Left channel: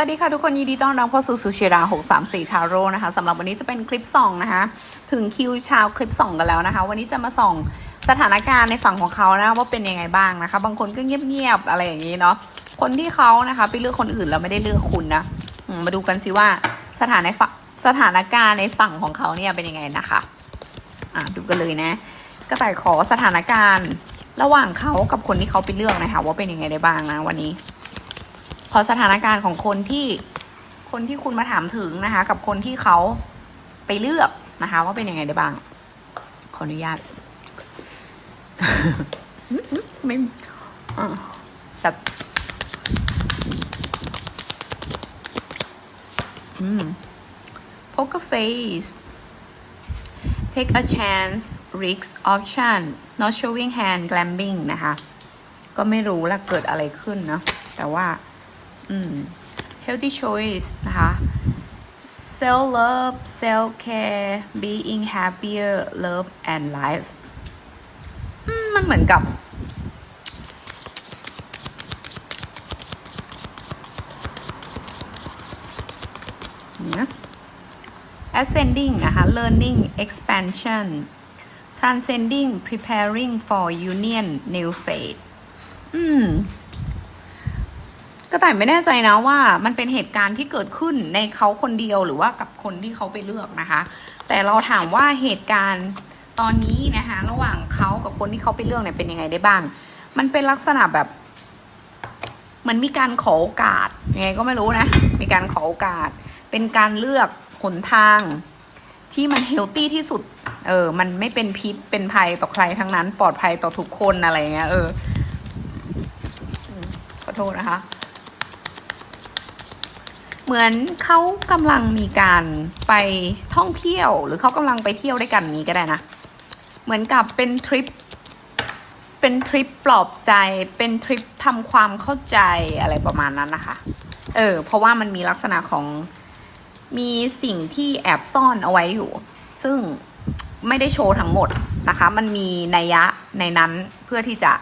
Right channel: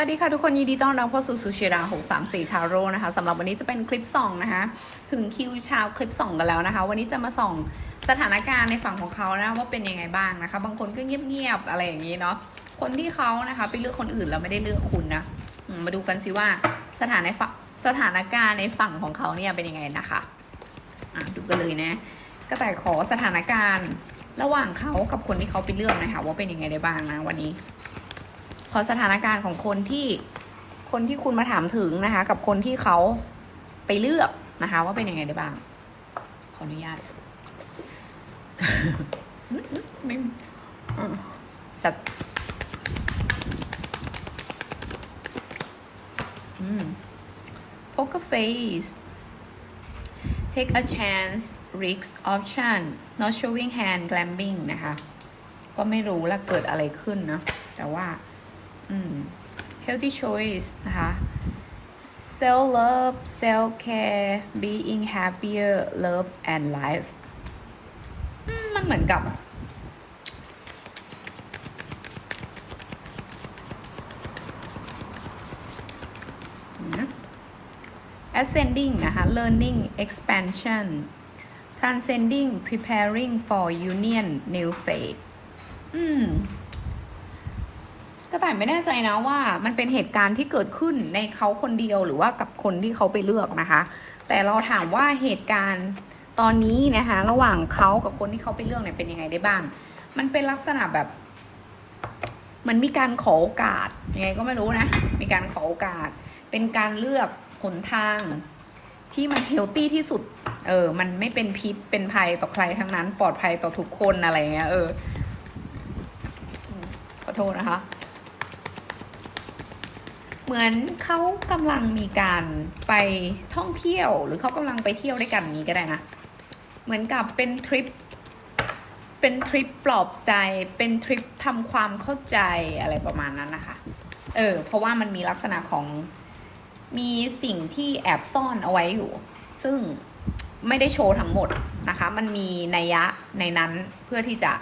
วัสดีค่ะทุกคนยินดีต้อนรับเข้าสู่สุชิรา634 ทาโร่นะคะสำหรับวันนี้จะเป็นคลิปส่องนะคะถึงคิวชาวคลิปส่องกันแล้วนะคะ วันนี้จะมาส่องสถานการณ์ในฝั่งของเขานะว่าเป็นยังไงบ้างนะคะ บางคนก็เงียบๆอะไรอย่างนี้เนาะคนที่เขานะคะไปเลือกคนอื่นแล้วไม่ได้เลือกคุณนะมาดูกันสิว่าสถานในฝั่งสถานการณ์ในฝั่งของเขาเนี่ยเป็นยังไงนะคะอะดูกันเลยนะกระต่ขอสถานการณ์ระหว่างเขากับคนที่เขาไปเลือกนะคะ ว่าเป็นยังไงได้บ้างนะวันนี้ ขอสถานการณ์ของคนที่คนที่คุณมาถามถึงนะคะ กับคนที่เขาไปเลือกนะคะ ว่าเป็นยังไงได้บ้าง ขออนุญาตไม่จัดอืม poker face take a chance risk option not showing hand glamping นะคะ ก็ไม่รู้ละเกิดอะไรขึ้นเนาะแต่ว่า healthy choice นะคะ self love self care being happier love and life มันเหมือนกับนะ ascending นะคะ learning expansion transcending preparing for union new fate อืม ก็แต่ไม่แน่ใจนะว่ามันเป็นเหตุการณ์ที่เกิดขึ้นในเขาคนเดียวหรือว่ากับคนที่เขาไปเลือกนะคะ แต่เราถามว่าเหตุการณ์ตอนนี้นะคะระหว่างเขากับคนที่เขาไปเลือกเนี่ยเป็นยังไงได้บ้าง มันเป็นลักษณะแบบมันมีการขอโอกาสยังไงก็ไม่รู้นะ มีการขอโอกาส เป็นการเลือกหนทาง ที่มันเฮลตี้ที่สุด เออ มันไม่เป็นพิษเป็นภัยต่อใครทั้งนั้น ปลอดภัยต่อทุกคนอะไรเงี้ยเออขอโทษนะคะ เหมือนเขากำลังมีการไปท่องเที่ยว หรือเขากำลังไปเที่ยวด้วยกันนี้ก็ได้นะ เหมือนกับเป็นทริป เป็นทริปปลอบใจ เป็นทริปทำความเข้าใจอะไรประมาณนั้นนะคะ เออ เพราะว่ามันมีลักษณะของมีสิ่งที่แอบซ่อนเอาไว้อยู่ ซึ่งไม่ได้โชว์ทั้งหมดนะคะ มันมีนัยยะในนั้นเพื่อที่จะ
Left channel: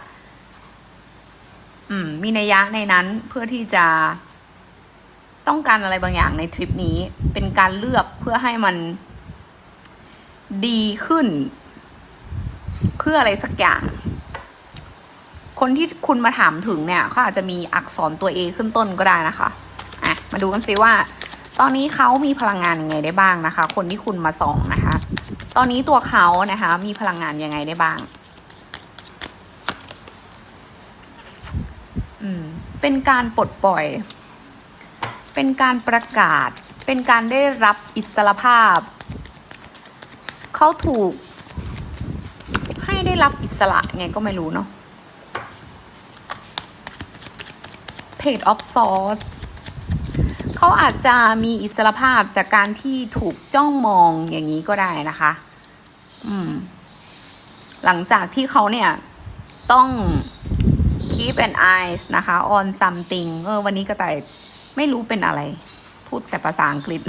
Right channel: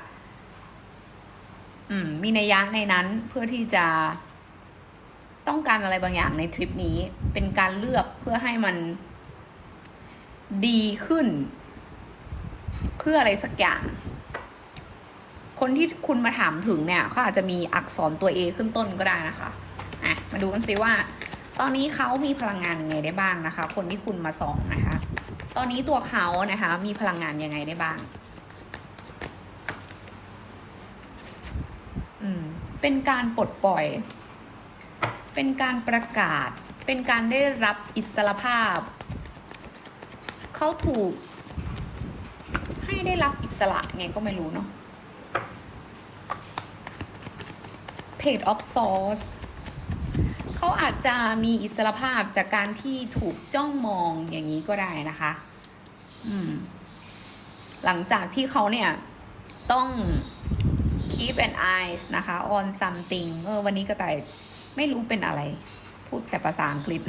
อืม มีนัยยะในนั้นเพื่อที่จะ ต้องการอะไรบางอย่างในทริปนี้ เป็นการเลือกเพื่อให้มันดีขึ้น เพื่ออะไรสักอย่าง คนที่คุณมาถามถึงเนี่ยเขาอาจจะมีอักษรตัว A ขึ้นต้นก็ได้นะคะอะมาดูกันซิว่า ตอนนี้เขามีพลังงานยังไงได้บ้างนะคะ คนที่คุณมาส่องนะคะ ตอนนี้ตัวเขานะคะ มีพลังงานยังไงได้บ้าง อืม เป็นการปลดปล่อย เป็นการประกาศ เป็นการได้รับอิสรภาพ เขาถูก ให้ได้รับอิสระไงก็ไม่รู้เนาะ Page of Swords เขาอาจจะมีอิสรภาพจากการที่ถูกจ้องมองอย่างนี้ก็ได้นะคะ อืม หลังจากที่เขาเนี่ย ต้อง keep an eyes นะคะ on something เออ วันนี้กระต่าย ไม่รู้เป็นอะไร พูดแต่ภาษาอังกฤษ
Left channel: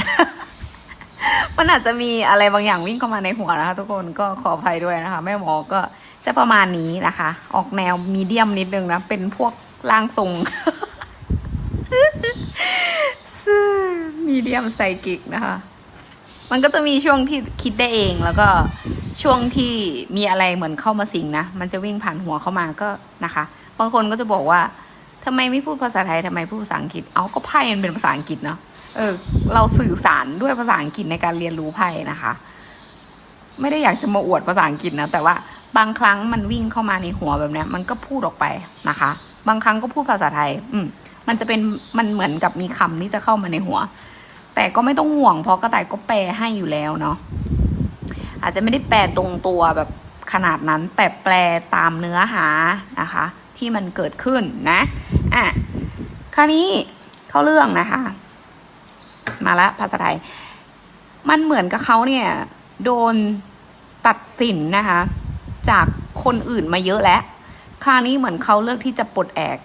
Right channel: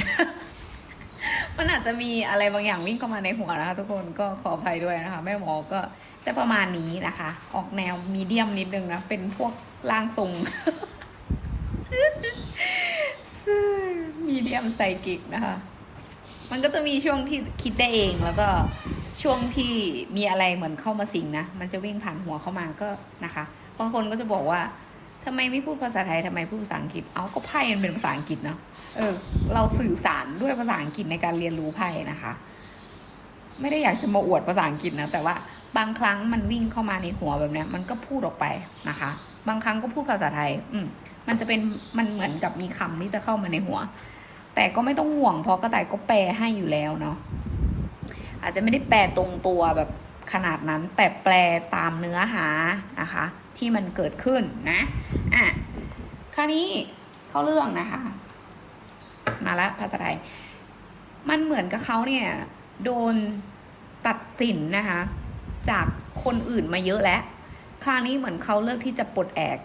มันอาจจะมีอะไรบางอย่างวิ่งเข้ามาในหัวนะคะ ทุกคนก็ขออภัยด้วยนะคะ แม่หมอก็จะประมาณนี้นะคะ ออกแนวมีเดียมนิดนึงนะ เป็นพวกร่างทรงมีเดียมไซกิกนะคะ มันก็จะมีช่วงที่คิดได้เองแล้วก็ช่วงที่มีอะไรเหมือนเข้ามาสิงนะ มันจะวิ่งผ่านหัวเข้ามาก็นะคะ บางคนก็จะบอกว่า ทำไมไม่พูดภาษาไทยทำไมพูดภาษาอังกฤษ เอาก็ไพ่มันเป็นภาษาอังกฤษเนาะ เออ เราสื่อสารด้วยภาษาอังกฤษในการเรียนรู้ไพ่นะคะ ไม่ได้อยากจะมาอวดภาษาอังกฤษนะ แต่ว่าบางครั้งมันวิ่งเข้ามาในหัวแบบนี้มันก็พูดออกไปนะคะ บางครั้งก็พูดภาษาไทย อืม มันจะเป็น มันเหมือนกับมีคำที่จะเข้ามาในหัว แต่ก็ไม่ต้องห่วงเพราะกระต่ายก็แปลให้อยู่แล้วเนาะ อาจจะไม่ได้แปลตรงตัวแบบขนาดนั้นแต่แปลตามเนื้อหานะคะ ที่มันเกิดขึ้นนะอะคราวนี้เข้าเรื่องนะคะ มาละภาษาไทย มันเหมือนกับเขาเนี่ยโดนตัดสินนะคะ จากคนอื่นมาเยอะแล้ว คราวนี้เหมือนเขาเลือกที่จะปลดแอก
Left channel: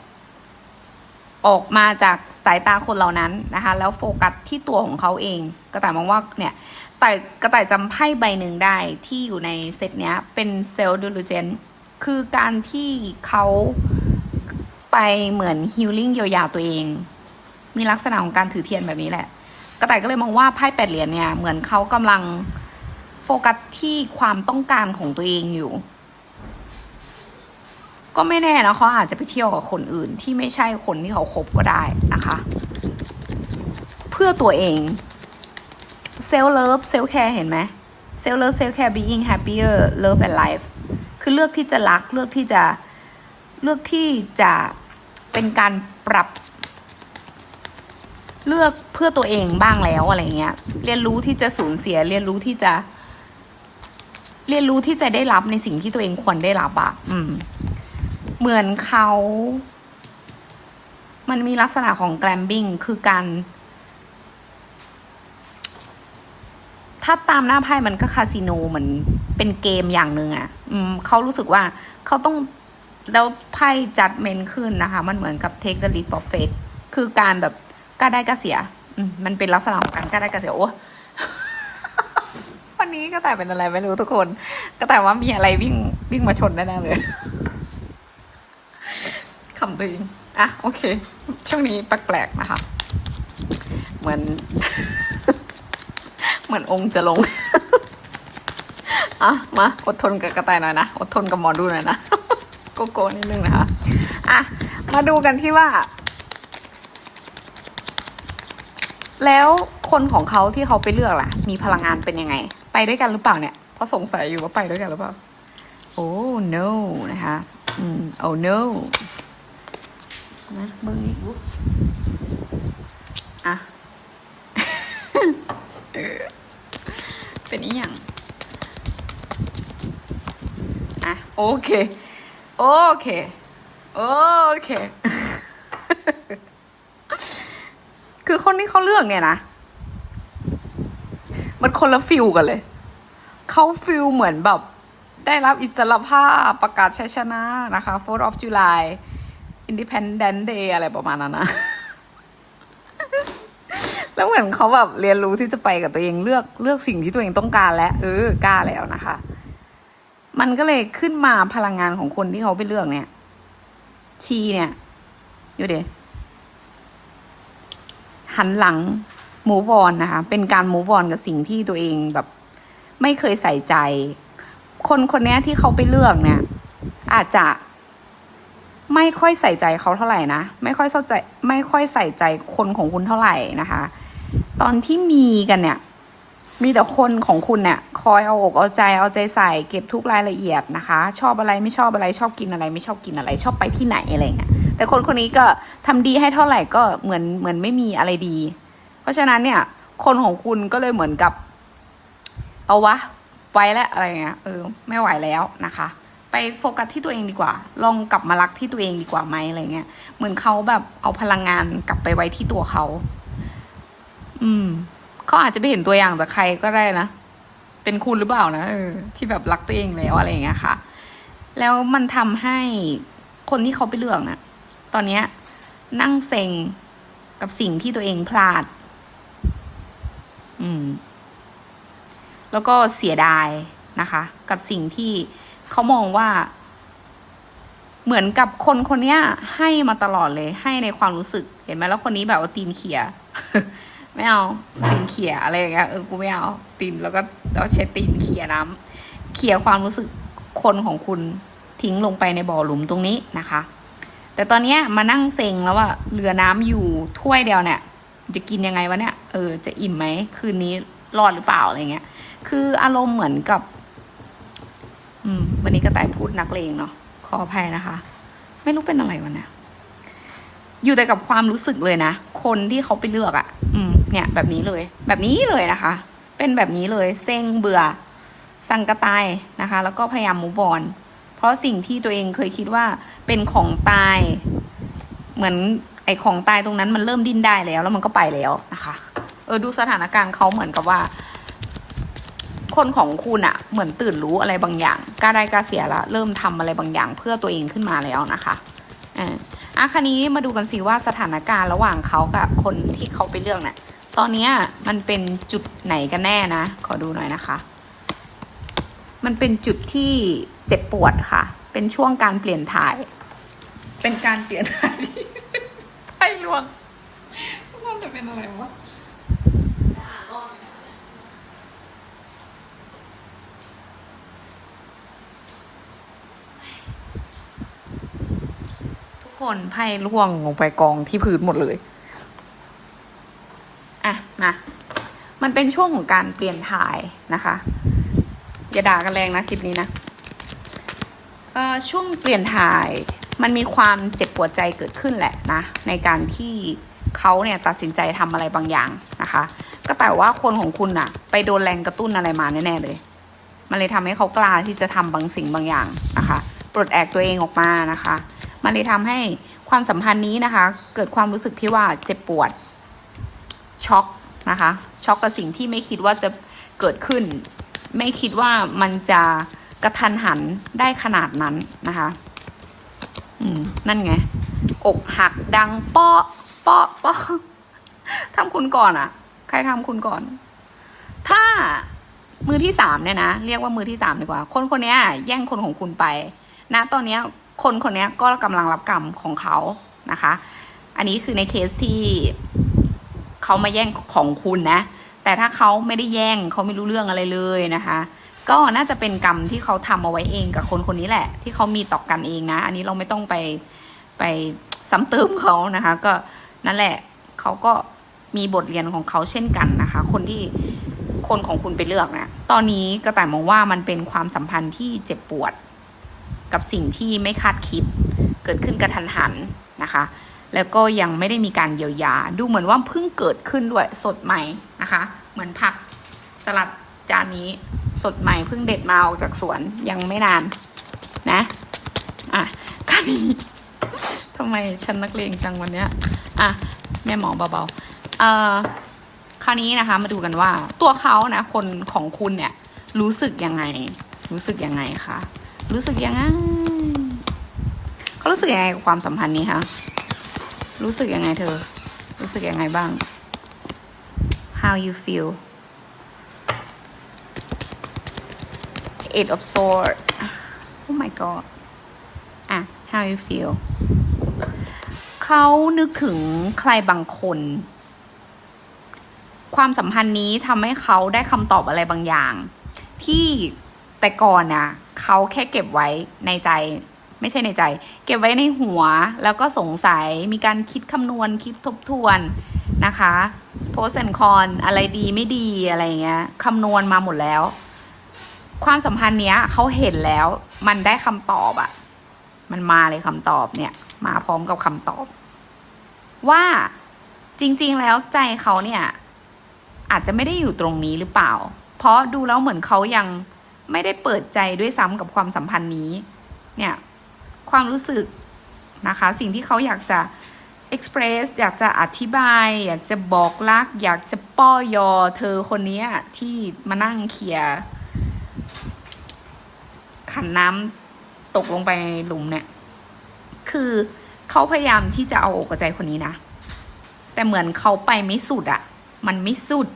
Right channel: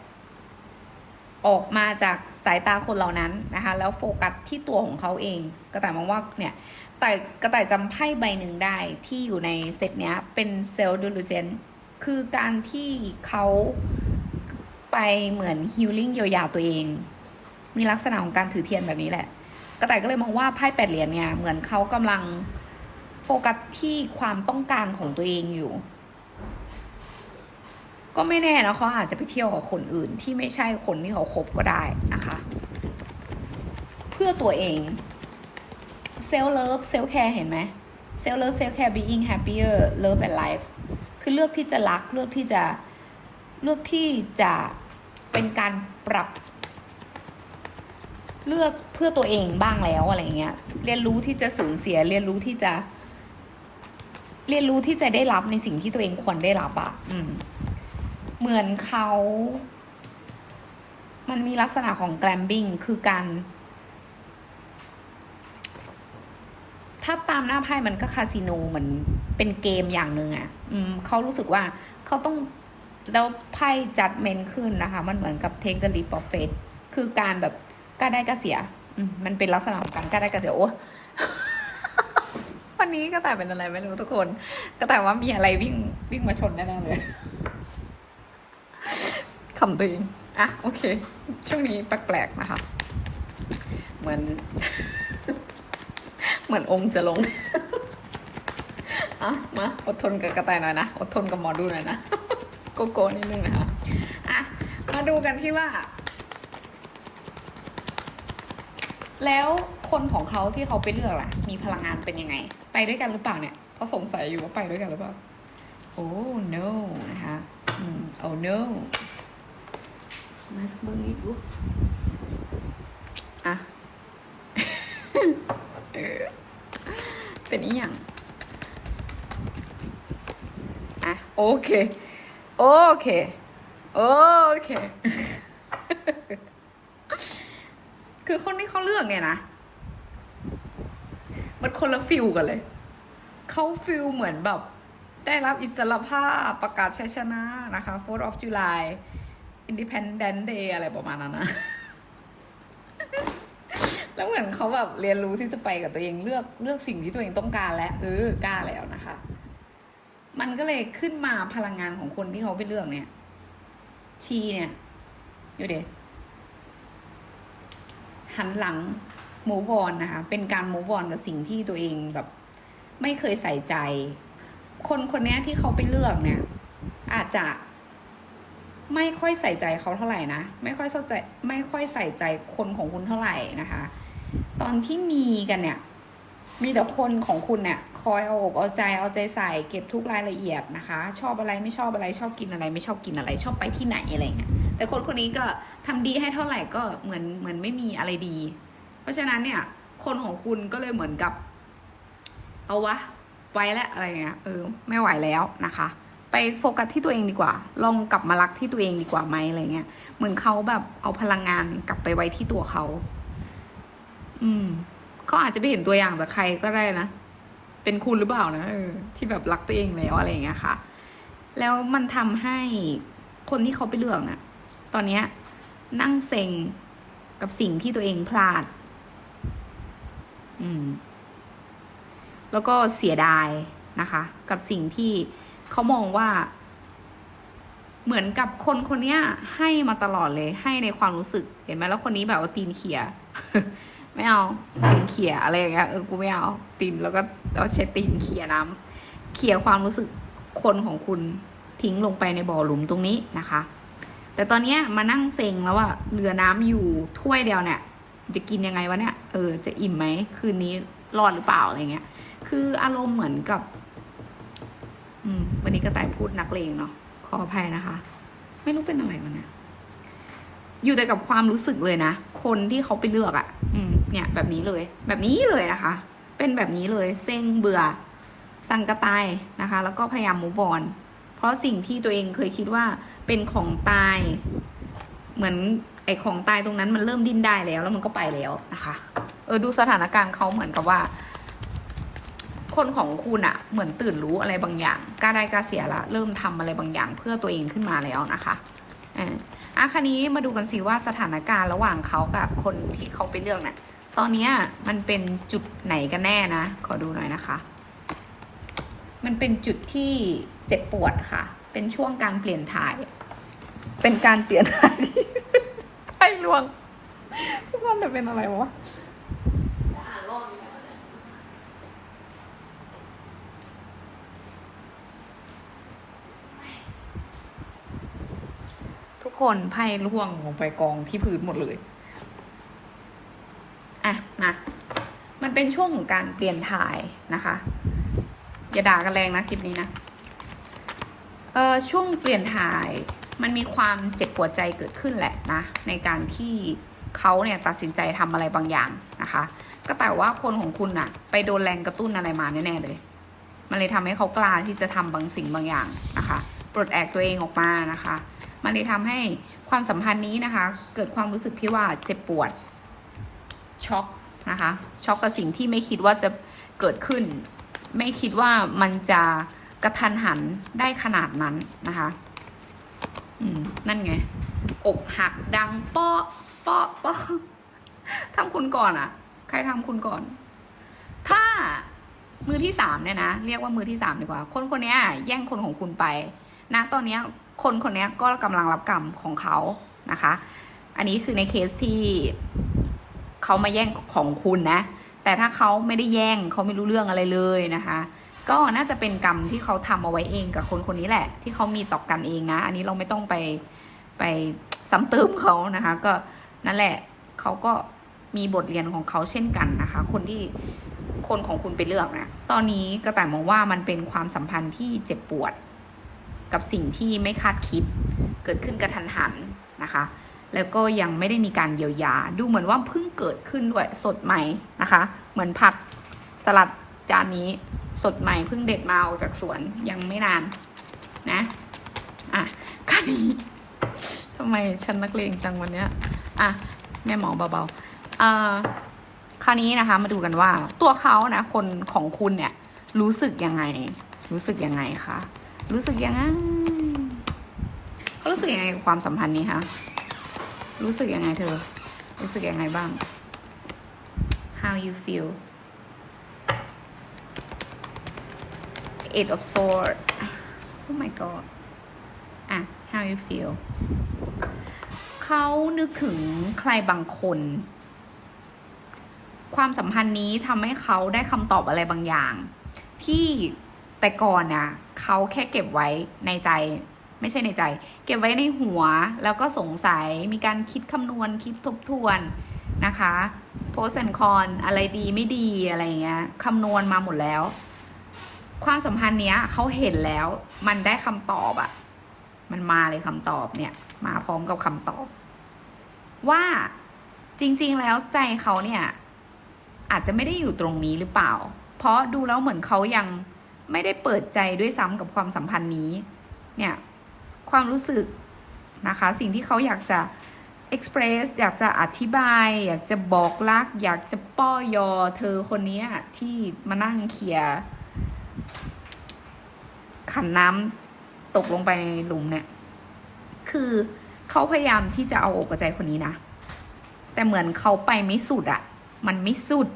ออกมาจากสายตาคนเหล่านั้นนะคะ แล้วโฟกัสที่ตัวของเขาเอง กระต่ายมองว่าเนี่ยแต่กระต่ายจำไพ่ใบหนึ่งได้ที่อยู่ในเซตเนี้ยเป็นเซลล์ดูลูเจน คือการที่เขาไปเหมือนฮิลลิ่งเยียวยาตัวเอง มีลักษณะของการถือเทียนแบบนี้แหละ กระต่ายก็เลยมองว่าไพ่แปดเหรียญเนี่ย เหมือนเขากำลังโฟกัสที่ความต้องการของตัวเองอยู่ ก็ไม่แน่นะเขาอาจจะไปเที่ยวกับคนอื่นที่ไม่ใช่คนที่เขาคบก็ได้นะคะ เพื่อตัวเองเซล f ์เลิฟเซล f ์แคร์เห็นไหมเซล f ์เลิฟเซล f ์แคร์ being happier love and life คือเลือกที่จะรัก เลือกที่จะเลือกที่จะเป็นการปรับ เลือกเพื่อตัวเองบ้างแล้วอะไรเงี้ย เรียนรู้ที่จะสูญเสีย เรียนรู้ที่จะ เรียนรู้ที่จะได้รับในสิ่งที่ตัวเองควรได้รับอะอืม เหมือนเขา มันมีลักษณะของแกลมบิ้งคือการ ถ้าตามหน้าไพ่มันก็คาสิโนเหมือนเป็นเกมอย่างหนึ่งอะ่ะ อืมเขารู้สึกว่าเขาต้องแล้วไพ่จัดเมนขึ้นนะคะ มันเหมือนกับ take the leap of faith คือการแบบกล้าได้กล้าเสีย อืมมันเป็นลักษณะของการกล้าได้กล้าเสียโอ้วันนี้ก็แต่เป็นอะไรไม่รู้ทุกคน ก็แต่ว่ามีอะไรวิ่งวิ่งมาชนแน่ๆเลยคำตัวเองอะโอเค ช่วงนี้แปลกๆนะคะ เหมือน เหมือนองค์จะลง อะ มา อดทนกับกระต่ายหน่อยนะ อดทนกับหมอดูหน่อยนะ โกโก้นิดนึงนะคะ อะ มาดูกันที่ว่า แล้วคนของเขาที่เขาไปเลือกล่ะ มีพลังงานเป็นยังไง ไปด้วยกันหรือเปล่าเนี่ย เพราะสงสัยอยู่ว่าไปด้วยกันหรือเปล่า โอ้ no นะคะ อืม โอ้ no นะเบิ้งนี้อะ เออ เป็นอีหยังอะโอเค โอเค โอเค คือคนที่เขาเลือกเนี่ยนะ มันคนละฟิลกันเลย เขาฟิลเหมือนแบบ ได้รับอิสรภาพประกาศชัยชนะนะคะ 4th of July Independent Day อะไรประมาณนั้นนะ แล้วเหมือนเขาแบบเรียนรู้ที่จะไปกับตัวเองเลือกเลือกสิ่งที่ตัวเองต้องการแล้วเออกล้าแล้วนะคะ มันก็เลยขึ้นมาพลังงานของคนที่เขาไปเลือกเนี่ย ชีเนี่ยอยู่เดี๋ยวหันหลัง move on นะคะ เป็นการ move on กับสิ่งที่ตัวเองแบบ ไม่เคยใส่ใจ คนคนนี้ที่เขาไปเลือกเนี่ย อาจจะไม่ค่อยใส่ใจเขาเท่าไหร่นะ ไม่ค่อยเข้าใจ ไม่ค่อยใส่ใจคนของคุณเท่าไหร่นะคะ ตอนที่มีกันเนี่ย มีแต่คนของคุณเนี่ยคอยเอาอกเอาใจเอาใจใส่เก็บทุกรายละเอียดนะคะ ชอบอะไรไม่ชอบอะไรชอบกินอะไร ไม่ชอบกินอะไร ชอบไปที่ไหนอะไรเงี้ยแต่คนคนนี้ก็ทำดีให้เท่าไหร่ก็เหมือนเหมือนไม่มีอะไรดี เพราะฉะนั้นเนี่ย คนของคุณก็เลยเหมือนกับ เอาวะไว้แล้วอะไรเงี้ยเออไม่ไหวแล้วนะคะไปโฟกัสที่ตัวเองดีกว่า ลองกลับมารักที่ตัวเองดีกว่าไหมอะไรเงี้ย เหมือนเขาแบบเอาพลังงานกลับไปไว้ที่ตัวเขา อืมเขาอาจจะไปเห็นตัวอย่างจากใครก็ได้นะ เป็นคุณหรือเปล่านะเออที่แบบรักตัวเองแล้วอะไรอย่างเงี้ยค่ะ แล้วมันทำให้คนที่เขาไปเลือกน่ะ ตอนเนี้ย นั่งเซ็งกับสิ่งที่ตัวเองพลาด อืม แล้วก็เสียดายนะคะ กับสิ่งที่เขามองว่า เหมือนกับคนคนเนี้ยให้มาตลอดเลย ให้ในความรู้สึก เห็นไหมแล้วคนนี้แบบว่าตีนเขีย ไม่เอาตีนเขี่ยอะไรอย่างเงี้ยเออกูไม่เอาตีนแล้วก็แล้วใช้ตีนเขี่ยน้ำเขี่ยความรู้สึกคนของคุณทิ้งลงไปในบ่อหลุมตรงนี้นะคะ แต่ตอนเนี้ยมานั่งเซ็งแล้วว่าเหลือน้ำอยู่ถ้วยเดียวเนี่ย จะกินยังไงวะเนี่ยเออจะอิ่มไหมคืนนี้รอดหรือเปล่าอะไรเงี้ย คืออารมณ์เหมือนกับ อืม วันนี้กระต่ายพูดนักเลงเนาะขออภัยนะคะ ไม่รู้เป็นอะไรวะเนี่ย อยู่แต่กับความรู้สึกเลยนะ คนที่เขาไปเลือกอะ่ะ อืม เนี่ย แบบนี้เลย แบบนี้เลยนะคะ เป็นแบบนี้เลย เซ็งเบื่อ สั่งกระตายนะคะ แล้วก็พยายามมูฟออน เพราะสิ่งที่ตัวเองเคยคิดว่าเป็นของตาย เหมือนไอของตายตรงนั้นมันเริ่มดิ้นได้แล้ว แล้วมันก็ไปแล้วนะคะ เออดูสถานการณ์เขาเหมือนกับว่า คนของคุณอะเหมือนตื่นรู้อะไรบางอย่างกล้าได้กล้าเสียละ เริ่มทำอะไรบางอย่างเพื่อตัวเองขึ้นมาแล้วนะคะอ่า อะคันนี้มาดูกันสิว่าสถานการณ์ระหว่างเขากับคนที่เขาไปเลือกเนี่ยตอนเนี้ยมันเป็นจุดไหนกันแน่นะ ขอดูหน่อยนะคะ มันเป็นจุดที่เจ็บปวดค่ะ เป็นช่วงการเปลี่ยนถ่าย เป็นการเปลี่ยนถ่ายที่ไพ่ลวงรอบแต่เป็นอะไรวะอ่านรอบนี้นะเนี่ย ทุก คนไพ่ร่วงลงไปกองที่พื้นหมดเลย อะมามันเป็นช่วงของการเปลี่ยนถ่ายนะคะ อย่าด่ากันแรงนะคลิปนี้นะเอ่อช่วงเปลี่ยนถ่ายมันมีความเจ็บปวดใจเกิดขึ้นแหละนะ ในการที่เขาเนี่ยตัดสินใจทำอะไรบางอย่างนะคะ ก็แต่ว่าคนของคุณอะไปโดนแรงกระตุ้นอะไรมาแน่ๆเลย มันเลยทำให้เขากล้าที่จะทำบางสิ่งบางอย่างนะคะ ปลดแอกตัวเองออกมานะคะ มันเลยทำให้ความสัมพันธ์นี้นะคะ เกิดความรู้สึกที่ว่าเจ็บปวด ช็อกนะคะ ช็อกกับสิ่งที่ไม่คิดว่าจะเกิดขึ้น ไม่คิดว่ามันจะกระทันหันได้ขนาดนั้นนะคะ อืม นั่นไง อกหักดังเปาะเปาะเปาะทำคุณก่อนอะใครทำคุณก่อน ถ้ามือที่สามเนี่ยนะ เรียกว่ามือที่สามดีกว่า คนคนนี้แย่งคนของคุณไป นะ ตอนนี้ คนคนนี้ก็กำลังรับกรรมของเขานะคะ อันนี้คือในเคสที่เขามาแย่งของคุณนะ แต่ถ้าเขาไม่ได้แย่งเขาไม่รู้เรื่องอะไรเลยนะคะ ก็น่าจะเป็นกรรมที่เขาทำเอาไว้เองกับคนคนนี้แหละ ที่เขามีต่อกันเองนะ อันนี้เราไม่ต้องไปไปซ้ำเติมเขานะคะ ก็นั่นแหละเขาก็มีบทเรียนของเขาเช่นกันนะคะ คนที่คนของคุณไปเลือกนะตอนนี้กระต่ายมองว่ามันเป็นความสัมพันธ์ที่เจ็บปวด กับสิ่งที่ไม่คาดคิด เกิดขึ้นกระทันหันนะคะ แล้วก็ยังไม่ได้มีการเยียวยา ดูเหมือนว่าเพิ่งเกิดขึ้นด้วยสดใหม่นะคะ เหมือนผักสลัดจานนี้สดใหม่เพิ่งเด็ดมาออกจากสวนยังไม่นานนะอะคราวนี้ทำไมฉันนักเลงจังวันเนี้ยอะแม่หมอเบาๆเอ่อคราวนี้นะคะ มาดูกันว่าตัวเขานะคนของคุณเนี่ยรู้สึกยังไง รู้สึกยังไงคะ รู้สึกยังไงเขารู้สึกยังไงกับความสัมพันธ์นี้คะรู้สึกยังไงเธอ รู้สึกยังไงบ้าง how you feel eight of sword oh my god อะ how you feel เขานึกถึงใครบางคน ความสัมพันธ์นี้ทำให้เขาได้คำตอบอะไรบางอย่าง ที่แต่ก่อนน่ะ เขาแค่เก็บไว้ในใจ ไม่ใช่ในใจ เก็บไว้ในหัวแล้วก็สงสัยมีการคิดคำนวณคิดทบทวนนะคะโพสแอนคอนอะไรดีไม่ดีอะไรเงี้ยคำนวณมาหมดแล้ว ความสัมพันธ์เนี้ยเขาเห็นแล้ว มันได้คำตอบอะมันมาเลยคำตอบเนี่ย มาพร้อมกับคำตอบ ว่าจริง ๆ แล้วใจเขาเนี่ย อาจจะไม่ได้อยู่ตรงนี้หรือเปล่า เพราะดูแล้วเหมือนเขายัง ไม่ได้เปิดใจด้วยซ้ำกับความสัมพันธ์นี้ เนี่ยความรู้สึกนะคะ สิ่งที่เขาอยากจะ express อยากจะอธิบาย อยากจะบอกรัก อยากจะป้อยอเธอคนนี้ที่มานั่งเคลียขันน้ำตกลงไปในหลุมเนี่ย คือเขาพยายามที่จะเอาอกใจคนนี้นะ แต่เหมือนเขาไปไม่สุดอะมันไม่สุด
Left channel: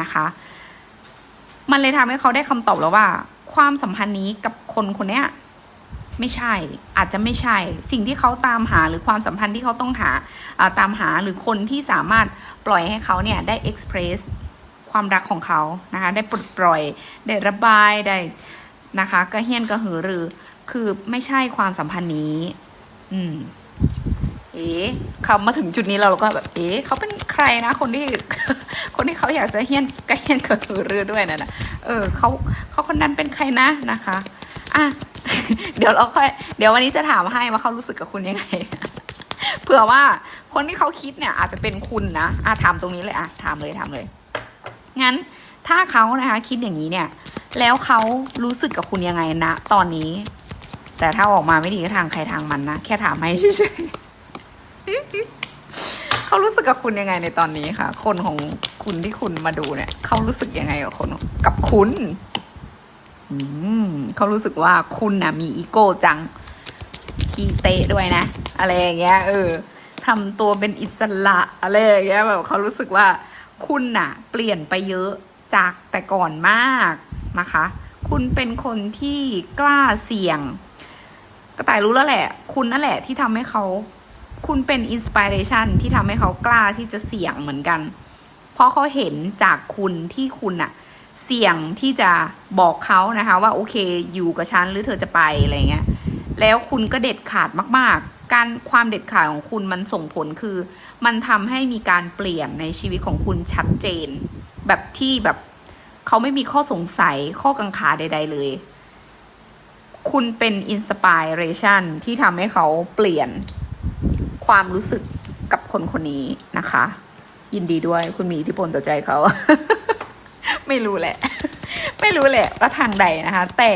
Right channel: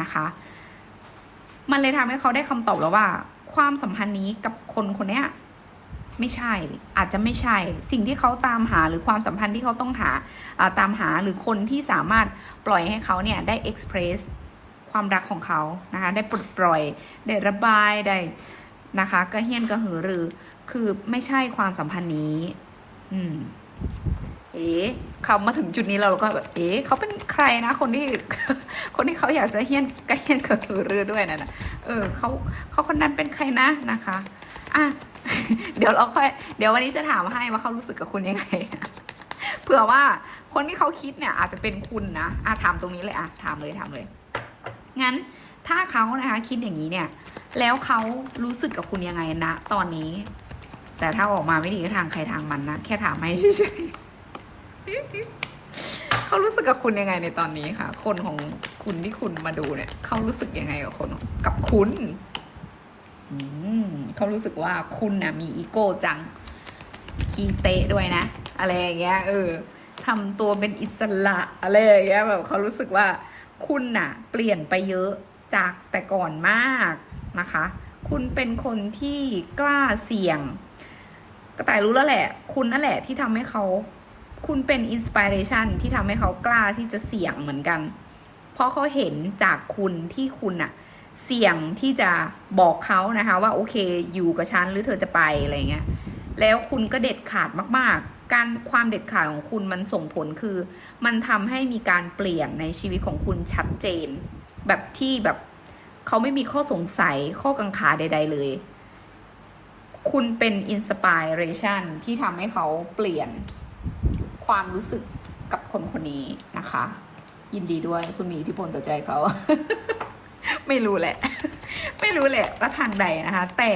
นะคะ มันเลยทำให้เขาได้คำตอบแล้วว่า ความสัมพันธ์นี้กับคนคนเนี้ยไม่ใช่ อาจจะไม่ใช่ สิ่งที่เขาตามหาหรือความสัมพันธ์ที่เขาต้องหาตามหาหรือคนที่สามารถปล่อยให้เขาเนี่ยได้ express ความรักของเขานะคะ ได้ปลดปล่อย ได้ระบาย ได้นะคะกระเฮี้ยนกระหือรือ คือไม่ใช่ความสัมพันธ์นี้ อืม เอ๊ะเขามาถึงจุดนี้เราก็แบบเอ๊ะเขาเป็นใครนะ คนที่คนที่เขาอยากจะเฮี้ยนกระเฮี้ยนกระหือรือด้วยนะนะเออเขาเขาคนนั้นเป็นใครนะนะคะอะเดี๋ยวเราค่อยเดี๋ยววันนี้จะถามให้ว่าเขารู้สึกกับคุณยังไงเผื่อว่าคนที่เขาคิดเนี่ย อาจจะเป็นคุณนะอะถามตรงนี้เลยอะถามเลยถามเลย งั้นถ้าเขานะคะ คิดอย่างนี้เนี่ย แล้วเขารู้สึกกับคุณยังไงนะ ตอนนี้ แต่ถ้าออกมาไม่ดีก็ทางใครทางมันนะ แค่ถามให้เฉยๆ เขารู้สึกกับคุณยังไงในตอนนี้ค่ะคนของคุณที่คุณมาดูเนี่ย เขารู้สึกยังไงกับคนกับคุณอืมเขารู้สึกว่าคุณนะมีอีโก้จังขี้เตะด้วยนะ อะไรอย่างเงี้ย เออทำตัวเป็นอิสระอะไรอย่างเงี้ยแบบเขารู้สึกว่าคุณน่ะ เปลี่ยนไปเยอะจากแต่ก่อนมากนะคะ คุณเป็นคนที่กล้าเสี่ยงกระต่ายรู้แล้วแหละ คุณนั่นแหละที่ทำให้เขา คุณเป็นอินสปิเรชันที่ทำให้เขากล้าที่จะเสี่ยงเหมือนกัน เพราะเขาเห็นจากคุณที่คุณอะเสี่ยงที่จะบอกเขานะคะว่าโอเคอยู่กับฉันหรือเธอจะไปอะไรเงี้ย แล้วคุณก็เด็ดขาดมาก ๆ การความเด็ดขาดของคุณมันส่งผลคือ มันทำให้มีการเปลี่ยนในชีวิตของคุณชัดเจน แบบที่แบบเขาไม่มีข้อสงสัยข้อกังขาใด ๆ เลย คุณเป็นอินสปิเรชันที่ทำให้เขาเปลี่ยน ความรู้สึกกับคนคนนี้นะคะ ยินดีด้วยคุณมีอิทธิพลต่อใจเขา ไม่รู้แหละ ไม่รู้แหละว่าทางใดนะคะ แต่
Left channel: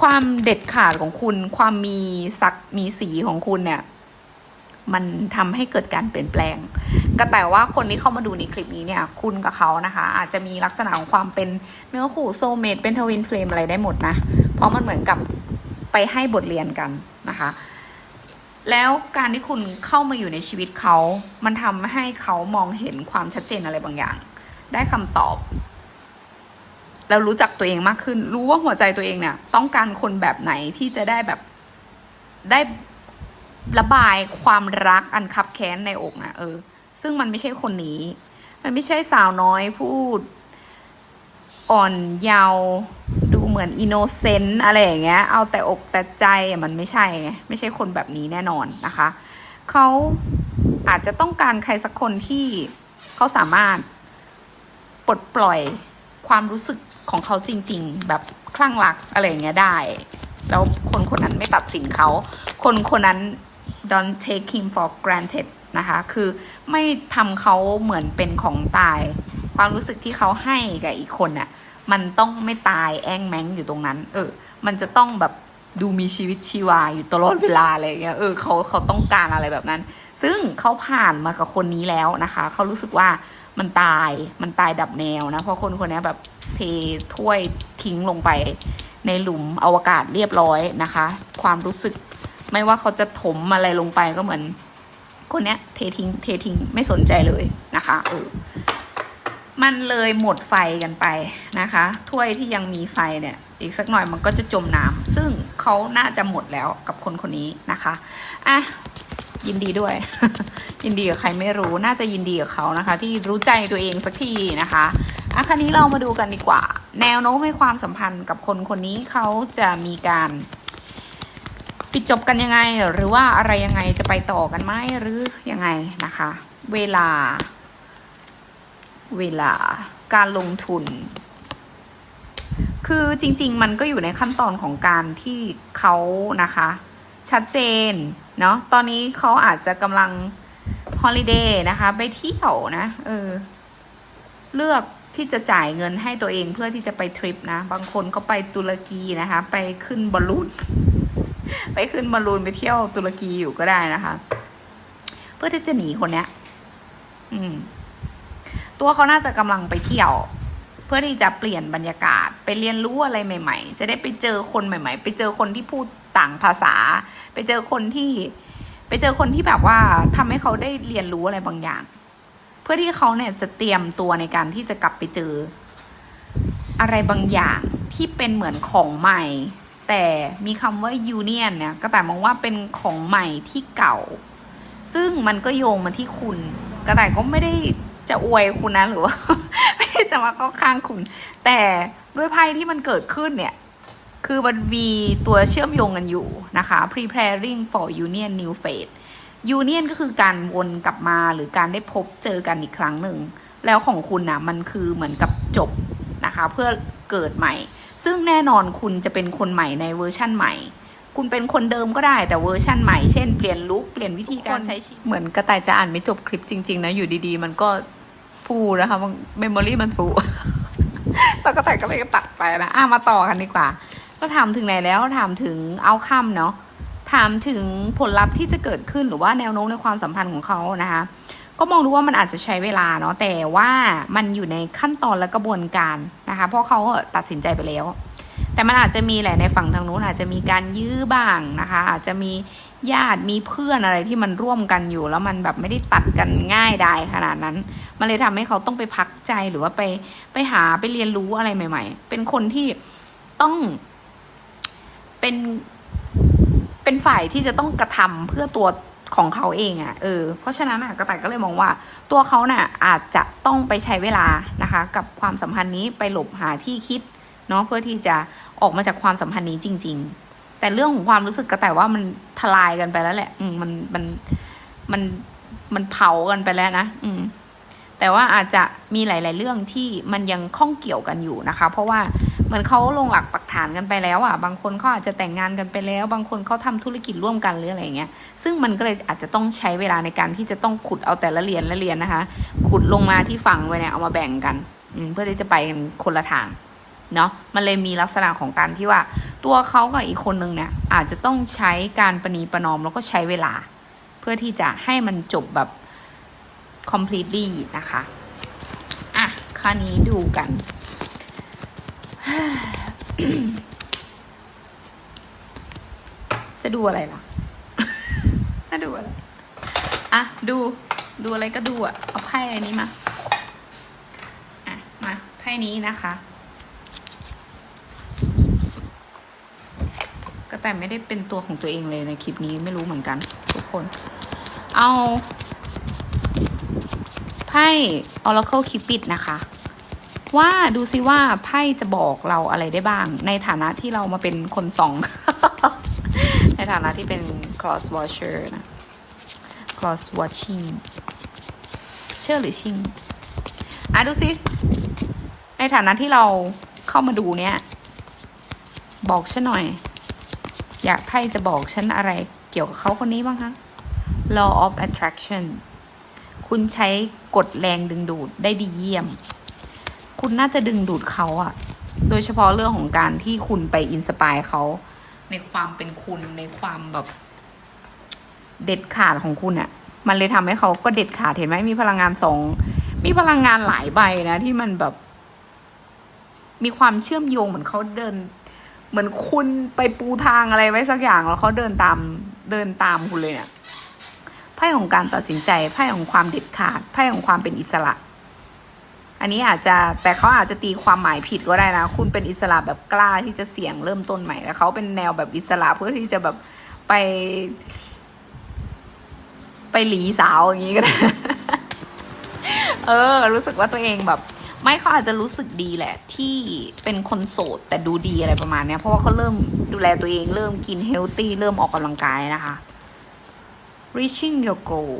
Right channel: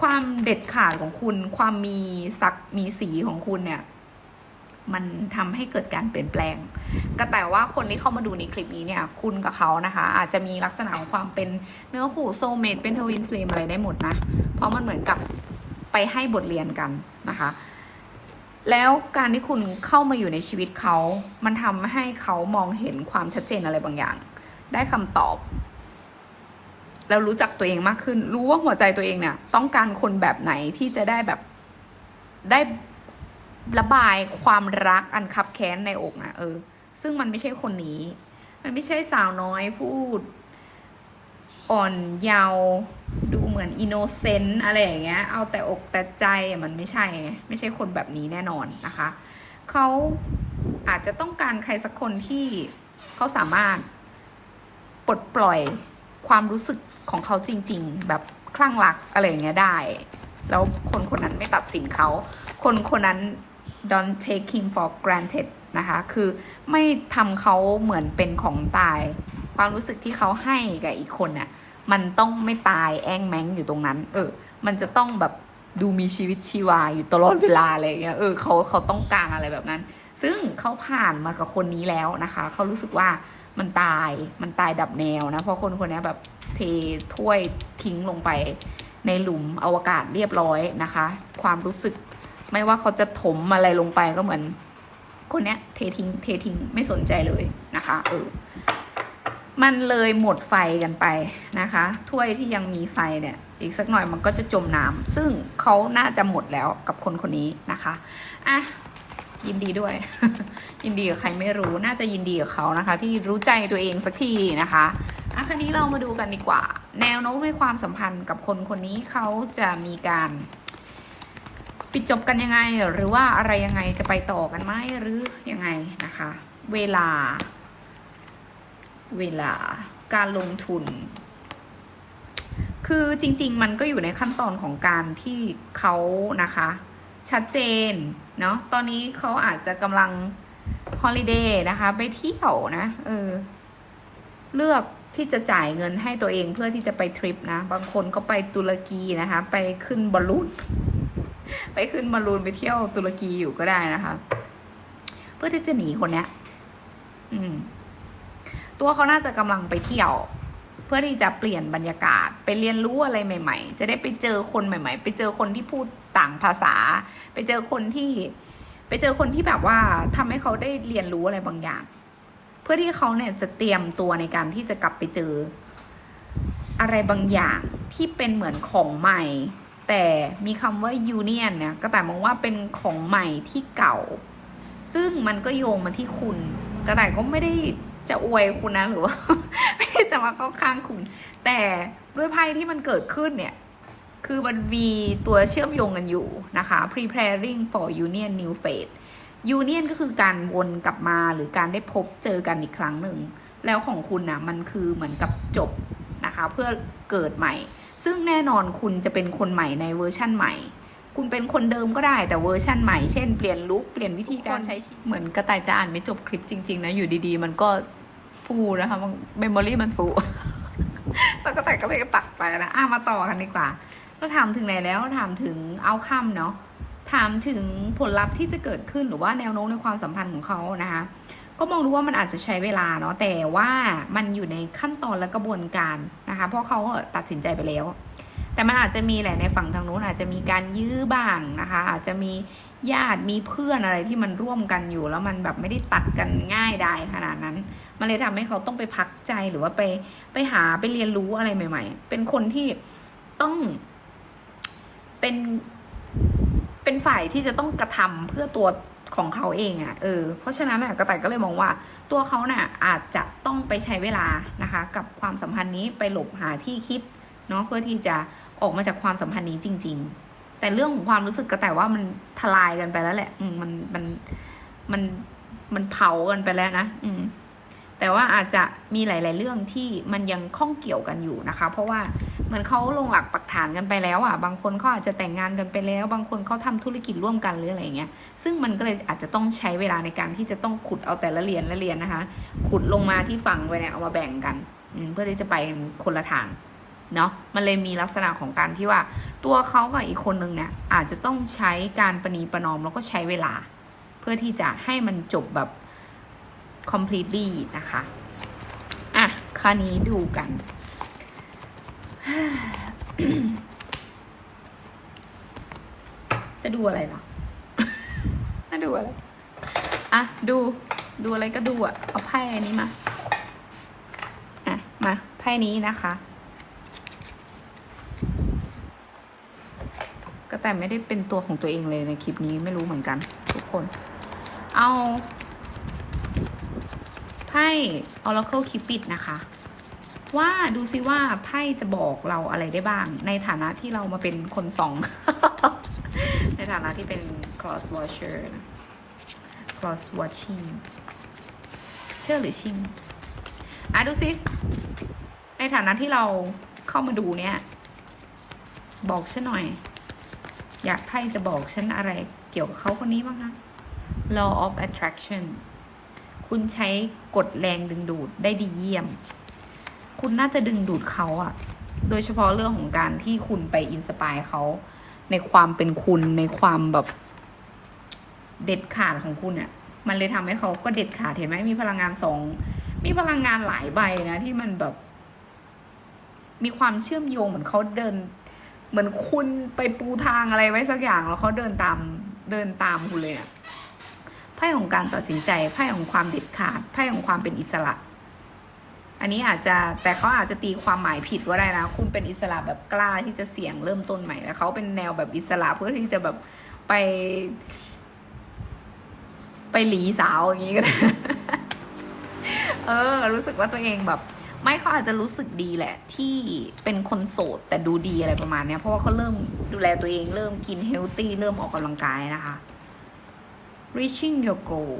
ความเด็ดขาดของคุณ ความมีศักมีสีของคุณเนี่ย มันทำให้เกิดการเปลี่ยนแปลง ก็แต่ว่าคนที่เข้ามาดูในคลิปนี้เนี่ย คุณกับเขานะคะ อาจจะมีลักษณะของความเป็นเนื้อคู่โซเมตเป็นทวินเฟลมอะไรได้หมดนะ เพราะมันเหมือนกับไปให้บทเรียนกันนะคะ แล้วการที่คุณเข้ามาอยู่ในชีวิตเขา มันทำให้เขามองเห็นความชัดเจนอะไรบางอย่าง ได้คำตอบ แล้วรู้จักตัวเองมากขึ้น รู้ว่าหัวใจตัวเองเนี่ย ต้องการคนแบบไหนที่จะได้แบบได้ระบายความรักอันคับแค้นในอกนะเออ ซึ่งมันไม่ใช่คนนี้ มันไม่ใช่สาวน้อยพูด อ่อนเยาว์ด เหมือนอินโนเซนต์อะไรอย่างเงี้ย เอาแต่อกแต่ใจมันไม่ใช่ไงไม่ใช่คนแบบนี้แน่นอนนะคะ เขาอาจจะต้องการใครสักคนที่เขาสามารถปลดปล่อยความรู้สึกของเขาจริง ๆ แบบคลั่งรักอะไรอย่างเงี้ยได้ แล้วคนคนนั้นไม่ตัดสินเขา คนคนนั้น don't take him for granted นะคะคือไม่ทำเขาเหมือนเป็นของตาย ความรู้สึกที่เขาให้กับอีกคนน่ะ มันต้องไม่ตายแองแมงอยู่ตรงนั้น เออ มันจะต้องแบบดูมีชีวิตชีวาอยู่ตลอดเวลาอะไรอย่างเงี้ย เออเขาเขาต้องการอะไรแบบนั้น ซึ่งเขาผ่านมากับคนนี้แล้วนะคะ เขารู้สึกว่ามันตาย มันตายดับแนวนะ เพราะคนคนนี้แบบเทถ้วยทิ้งลงไปในหลุมอวกาศเรียบร้อยนะคะ ความรู้สึกไม่ว่าเขาจะถมอะไรลงไปก็เหมือน คนเนี้ยเททิ้งเททิ้งไม่สนใจเลยนะคะ เออ มันเลยหมดไฟกันไปนะคะ ถ้วยที่ยังมีไฟเนี่ย อีกสักหน่อยมันก็จะจมน้ำซึ่งเขาน่าจะหมดแล้วกับคนคนนี้นะคะอะยินดีด้วย ยินดีกับใครไม่รู้น่าจะยินดีกับเขานะคะ ที่รู้ใจตัวเองสักทีนะคะอะคราวนี้เรามาดูกันดีกว่า แนวโน้มในความสัมพันธ์กับคนคนนี้เขาจะมีการปิดจบกันยังไง หรือว่าอะไรยังไงจะไปต่อกันไหมหรือยังไงนะคะ เวลา เวลาการลงทุน คือจริง ๆ มันก็อยู่ในขั้นตอนของการที่เขานะคะ ชัดเจน เนาะตอนนี้เขาอาจจะกำลังฮอลิเดย์นะคะ ไปเที่ยวนะเออเลือกที่จะจ่ายเงินให้ตัวเองเพื่อที่จะไปทริปนะ บางคนก็ไปตุรกีนะคะ ไปขึ้นบอลลูน ไปขึ้นบอลลูนไปเที่ยวตุรกีอยู่ก็ได้นะคะ เพื่อที่จะหนีคนเนี้ย อืม ตัวเขาน่าจะกำลังไปเที่ยว เพื่อที่จะเปลี่ยนบรรยากาศไปเรียนรู้อะไรใหม่ ๆ จะได้ไปเจอคนใหม่ ๆ ไปเจอคนที่พูดต่างภาษา ไปเจอคนที่ ไปเจอคนที่แบบว่าทำให้เขาได้เรียนรู้อะไรบางอย่าง เพื่อที่เขาเนี่ยจะเตรียมตัวในการที่จะกลับไปเจอ อะไรบางอย่างที่เป็นเหมือนของใหม่ แต่มีคำว่า union เนี่ยก็แต่มองว่าเป็นของใหม่ที่เก่า ซึ่งมันก็โยงมาที่คุณกระต่ายก็ไม่ได้ จะอวยคุณนะหรือว่า ไม่ได้จะมาเข้าข้างคุณ แต่ด้วยไพ่ที่มันเกิดขึ้นเนี่ย คือมันมีตัวเชื่อมโยงกันอยู่นะคะ preparing for union new phase union ก็คือการวนกลับมาหรือการได้พบเจอกันอีกครั้งหนึ่ง แล้วของคุณนะมันคือเหมือนกับจบนะคะ เพื่อเกิดใหม่ ซึ่งแน่นอนคุณจะเป็นคนใหม่ในเวอร์ชั่นใหม่คุณเป็นคนเดิมก็ได้แต่เวอร์ชั่นใหม่ เช่นเปลี่ยนลุคเปลี่ยนวิธีการใช้ชีวิตเหมือนกระต่ายจะอ่านไม่จบคลิปจริง ๆ นะ อยู่ดีๆ มันก็ ฟูนะคะเมมโมรี่มันฟูแล้วกระต่ก็เลยตัดไปนะอะมาต่อกันดีกว่า ก็ถามถึงไหนแล้วถามถึงเอาค่ำเนาะถามถึงผลลัพธ์ที่จะเกิดขึ้นหรือว่าแนวโน้มในความสัมพันธ์ของเขานะคะก็มองดูว่ามันอาจจะใช้เวลาเนาะแต่ว่ามันอยู่ในขั้นตอนและกระบวนการนะคะเพราะเขาตัดสินใจไปแล้ว แต่มันอาจจะมีแหละในฝั่งทางนู้นอาจจะมีการยื้อบ้างนะคะ อาจจะมี ญาติมีเพื่อนอะไรที่มันร่วมกันอยู่ แล้วมันแบบไม่ได้ตัดกันง่ายได้ขนาดนั้น มันเลยทำให้เขาต้องไปพักใจหรือว่าไปไปหาไปเรียนรู้อะไรใหม่ ๆ เป็นคนที่ต้องเป็น เป็นฝ่ายที่จะต้องกระทำเพื่อตัวของเขาเองอะ่ะเออเพราะฉะนั้นอะกระต่ายก็เลยมองว่า ตัวเขาน่ะอาจจะต้องไปใช้เวลานะคะ กับความสัมพันธ์นี้ไปหลบหาที่คิดเนาะเพื่อที่จะออกมาจากความสัมพันธ์นี้จริง ๆ แต่เรื่องของความรู้สึกกระต่ว่ามันทลายกันไปแล้วแหละ อืมมันมันมันมันเผากันไปแล้วนะอืมแต่ว่าอาจจะมีหลาย ๆ เรื่องที่มันยังข้องเกี่ยวกันอยู่นะคะ เพราะว่าเหมันเขาลงหลักปักฐานกันไปแล้วอะ บางคนเขาอาจจะแต่งงานกันไปแล้ว บางคนเขาทำธุรกิจร่วมกันหรืออะไรเงี้ย ซึ่งมันก็เลยอาจจะต้องใช้เวลาในการที่จะต้องขุดเอาแต่ละเหรียญละเหรียญนะคะ ขุดลงมาที่ฝั่งไว้เนี่ยเอามาแบ่งกันอืมเพื่อที่จะไปคนละทาง เนาะมันเลยมีลักษณะของการที่ว่า ตัวเขากับอีกคนนึงเนี่ยอาจจะต้องใช้การประนีประนอมแล้วก็ใช้เวลา เพื่อที่จะให้มันจบแบบ completely นะคะอะคราวนี้ดูกันจะดูอะไรล่ะน่าดูอะไร อะ ดู ดูอะไรก็ดูอะ เอาไพ่อันนี้มา อะ มา ไพ่นี้นะคะ ก็แต่ไม่ได้เป็นตัวของตัวเองเลยในคลิปนี้ไม่รู้เหมือนกัน ทุกคน เอาไพ่ Oracle Cupid นะคะ ว่าดูซิว่าไพ่จะบอกเราอะไรได้บ้าง ในฐานะที่เรามาเป็นคนสอง ในฐานะที่เป็น cross watcher นะ cross watching เชื่อหรือชิงอะดูสิในฐานะที่เราเข้ามาดูเนี่ย บอกฉันหน่อย อยากไพ่จะบอกฉันอะไรเกี่ยวกับเขาคนนี้บ้างคะ law of attraction คุณใช้กฎแรงดึงดูดได้ดีเยี่ยม คุณน่าจะดึงดูดเขาอะโดยเฉพาะเรื่องของการที่คุณไปอินสปายเขา ในความเป็นคุณในความแบบเด็ดขาดของคุณอะมันเลยทำให้เขาก็เด็ดขาดเห็นไหมมีพลังงานสองมีพลังงานหลายใบนะ ที่มันแบบ มีความเชื่อมโยงเหมือนเขาเดิน เหมือนคุณไปปูทางอะไรไว้สักอย่างแล้วเขาเดินตามเดินตามคุณเลยเนี่ยไพ่ของการตัดสินใจไพ่ของความเด็ดขาดไพ่ของความเป็นอิสระ อันนี้อาจจะแต่เขาอาจจะตีความหมายผิดก็ได้นะ คุณเป็นอิสระแบบกล้าที่จะเสี่ยงเริ่มต้นใหม่แต่เขาเป็นแนวแบบอิสระเพื่อที่จะแบบไป ไปหลีสาวอย่างนี้ก็ได้เออ รู้สึกว่าตัวเองแบบ ไม่เขาอาจจะรู้สึกดีแหละ ที่เป็นคนโสดแต่ดูดีอะไรประมาณเนี้ย เพราะว่าเขาเริ่มดูแลตัวเองเริ่มกินเฮลตี้เริ่มออกกำลังกายนะคะ reaching your goal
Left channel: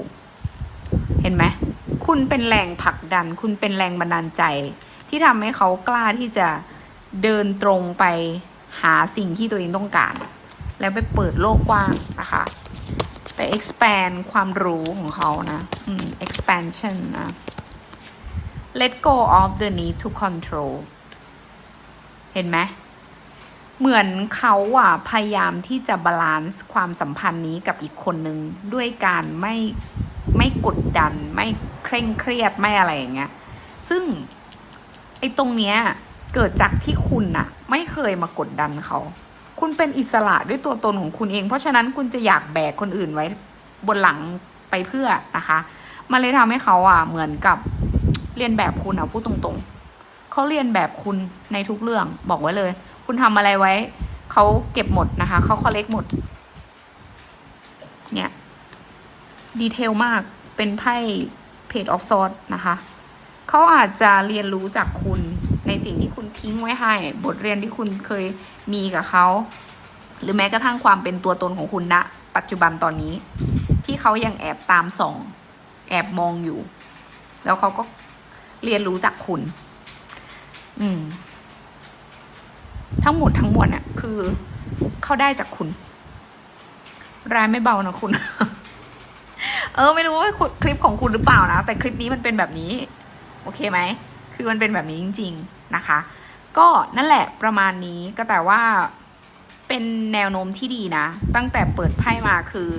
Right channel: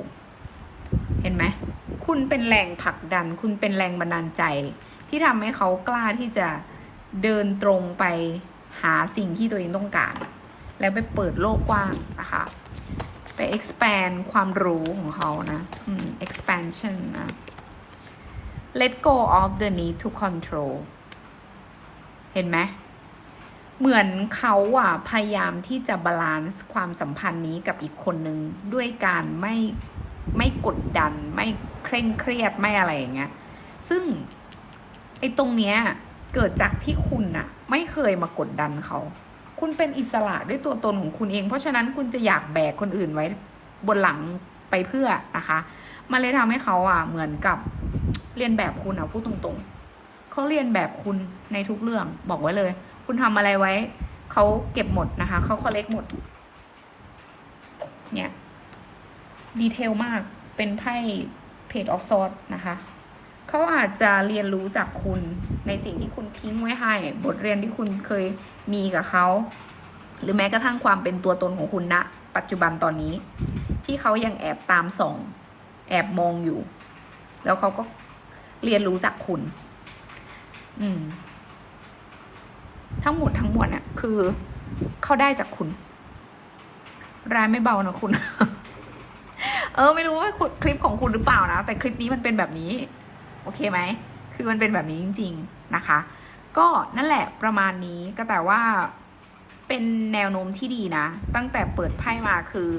เห็นไหม คุณเป็นแรงผลักดัน คุณเป็นแรงบันดาลใจ ที่ทำให้เขากล้าที่จะเดินตรงไปหาสิ่งที่ตัวเองต้องการ แล้วไปเปิดโลกกว้างนะคะ ไป expand ความรู้ของเขานะ expansion นะ let go of the need to control เห็นไหมเหมือนเขาอะพยายามที่จะบาลานซ์ความสัมพันธ์นี้กับอีกคนนึง ด้วยการไม่ไม่กดดัน ไม่เคร่งเครียดไม่อะไรอย่างเงี้ยซึ่งไอ้ตรงเนี้ยเกิดจากที่คุณน่ะไม่เคยมากดดันเขา คุณเป็นอิสระด้วยตัวตนของคุณเอง เพราะฉะนั้นคุณจะอยากแบกคนอื่นไว้บนหลังไปเพื่อนะคะ มันเลยทำให้เขาอะเหมือนกับ เรียนแบบคุณอะพูดตรงๆเขาเรียนแบบคุณในทุกเรื่องบอกไว้เลย คุณทำอะไรไว้เขาเก็บหมดนะคะเขาคอลเลกหมด เนี่ยดีเทลมากเป็นไพ่เพจออฟซอ t นะคะเขาอาจจะเรียนรู้จากคุณในสิ่งที่คุณทิ้งไว้ให้ บทเรียนที่คุณเคยมีกับเขาหรือแม้กระทั่งความเป็นตัวตนของคุณณปัจจุบันตอนนี้ ที่เขายังแอบตามส่อง แอบมองอยู่ แล้วเขาก็ เรียนรู้จากคุณ อืม ทั้งหมดทั้งมวลเนี่ยคือเขาได้จากคุณ รายไม่เบานะคุณ เออ ไม่รู้ว่าคลิปของคุณหรือเปล่านะ แต่คลิปนี้มันเป็นแบบนี้ โอเคไหม คือมันเป็นแบบนี้จริง ๆ นะคะ ก็นั่นแหละประมาณนี้ก็แต่ว่าเป็นแนวโน้มที่ดีนะ ตั้งแต่เปิดไพ่มาคือ